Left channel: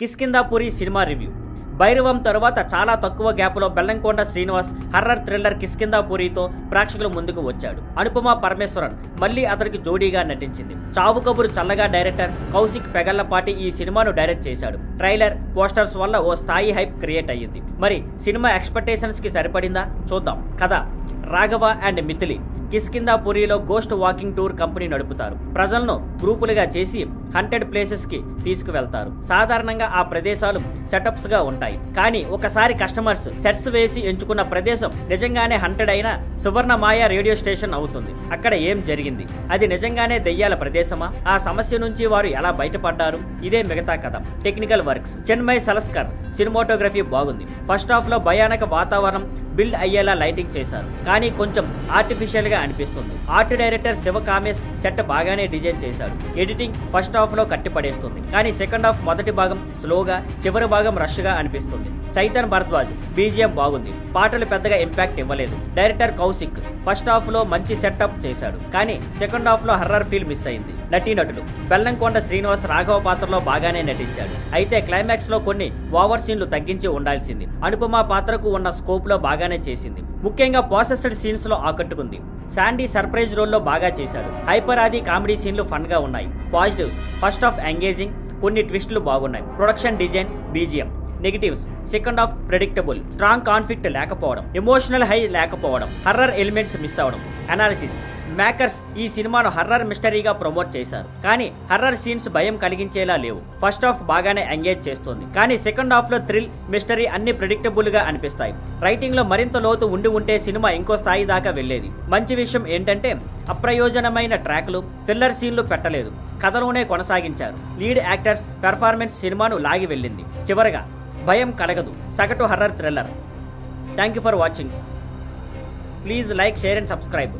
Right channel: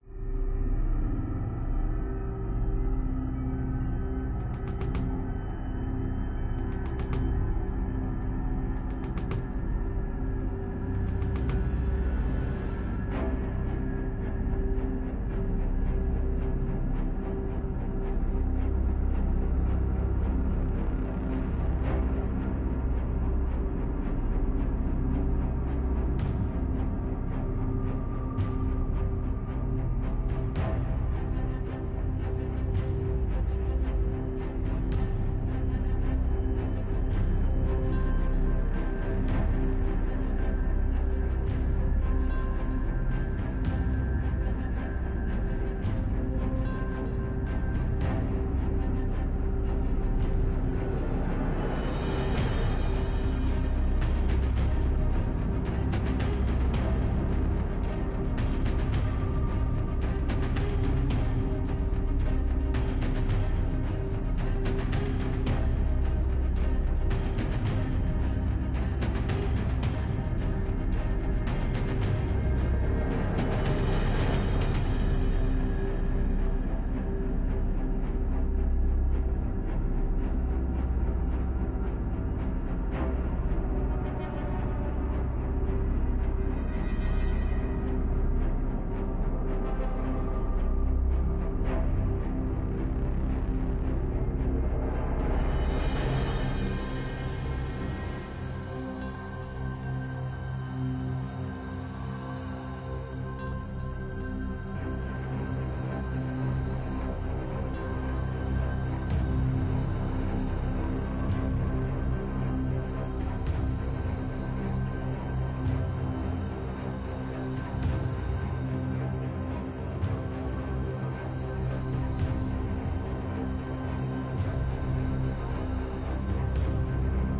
కిష్కింధాపురి cinema review. Bhairavam తరువాత చాలా తక్కువ గ్యాప్లో బెల్లంకొండ శ్రీనివాస్ హర్రర్ థ్రిల్లర్ కిష్కింధాపురితో ప్రేక్షకుల ముందుకు వచ్చాడు. అనుపమ పరమేశ్వరన్ మళ్ళీ అతనికి జోడీగా నటించింది. చావు కబురు చల్లగా డైరెక్టర్ కౌశిక్ పెగల్లపాటి ఈ సినిమాను డైరెక్ట్ చేశాడు. ట్రైలర్, పోస్టర్స్ వల్ల ఓ స్థాయి హైప్ క్రియేట్ అయ్యింది. మరి సినిమా ఎక్స్పెక్టేషన్స్ కి సరిపడిందా? చూద్దాం. కథ: రాఘవ అండ్ మిథిలి కిష్కింధాపురిలో గోస్ట్ వాకింగ్ టూర్ కంపెనీ నడుపుతారు. ప్రజలను గ్రూపులుగా చేసి హంటెడ్ ప్లేసెస్ కి తీసుకువెళ్తారు. సాధారణంగా ఆ ప్రదేశాలు సెటప్స్ గా ఉంటాయి. కానీ ఒకసారి కస్టమర్స్ సెట్స్ వేసి ఎంచుకున్న ప్రదేశం నిజంగానే హంటెడ్ అయిన సువర్ణమాయ రేడియో స్టేషన్ అవుతుంది. అక్కడ ఏం జరిగింది? అది నిజంగానే దెయ్యాల ప్రదేశమా? ఆ సమస్య నుంచి వారు ఎలా బయటపడ్డారు? ఇదే మిగతా కథ. టెక్నికల్ వర్క్స్: చెన్మై సలస్కర్ సినిమాటోగ్రఫీ బాగుంది. ఫస్ట్ హాఫ్ లో భయానక వాతావరణం బిల్డ్ అయ్యేలా లైటింగ్ చేశారు, కానీ కొంచెం ఆర్టిఫిషియల్ గా అనిపిస్తుంది. Art director Shiva Kamesh set బాగానే డిజైన్ చేశారు. ఎడిటింగ్ ఫస్ట్ హాఫ్ లో కట్టిపడేస్తుంది, కానీ సెకండ్ హాఫ్ మొదటి భాగం స్లోగా, చివరి భాగం రష్ గా అనిపిస్తుంది. చైతన్ భరద్వాజ్ బీజిఎం బాగుంది. పాటలు పెద్దగా ఇంపాక్ట్ ఇవ్వలేదు. డైరెక్టర్ కౌశిక్ ఫస్ట్ హాఫ్ లో మంచి సెటప్ చేశాడు, కానీ సెకండ్ హాఫ్ లో హర్రర్ ఫీల్ మిస్ అయింది. నటీనటులు: బెల్లంకొండ శ్రీనివాస్ రాఘవ పాత్రలో బాగానే నటించాడు, అయితే క్లైమాక్స్ లో కొన్ని ఓవర్ సీన్లు తగ్గించి ఉండాల్సింది. అనుపమ పాత్రకు ఉన్న స్కోప్ లో బాగానే చేసింది. ముఖ్యంగా ప్రాసెస్డ్ సీన్స్ లో ఆకట్టుకుంది. శాండీ సర్ప్రైజ్ రోల్లో బాగా చేశాడు. హైపర్ ఆది కామెడీ సీన్లు ఫన్ గా ఉన్నాయి. పాజిటివ్స్: ఫస్ట్ హాఫ్ ఎంగేజింగ్, కొన్ని ట్విస్టులు బాగున్నాయి. Production design, BGM. Negatives: second half predictable, strong conflict లేకపోవడం, ఎమోషనల్ హై లేకపోవడం, హర్రర్ ఎలిమెంట్స్ మిస్ అవడం. అనాలిసిస్: మేకర్స్ ఈ సినిమాను హర్రర్ మిస్టరీగా ప్రమోట్ చేశారు, కానీ హర్రర్ సీన్స్ భయం కలిగించేలా లేవు. ఫస్ట్ హాఫ్ బాగానే ఎంగేజ్ చేస్తుంది, కానీ సెకండ్ హాఫ్ లో థ్రిల్, మిస్టరీ అన్ని ప్రెడిక్టబుల్ గా అనిపిస్తాయి. రైటింగ్ లో మరింత లోతు ఉంటే సినిమా ఇంకో స్థాయి దాకా వెళ్లేది. మంచి విషయం ఏంటంటే అప్రయోజనమైన ట్రాక్లు, థ్రిల్లర్ సీన్లు పెట్టలేదు. కథలోనే కొనసాగించారు. లీడ్ యాక్టర్స్ పెర్ఫార్మెన్స్ సినిమాను లాగి వెళ్ళింది. చివరగా భయం కలగదు. సగటు horror thriller. Thank you for watching. Please like, share and subscribe.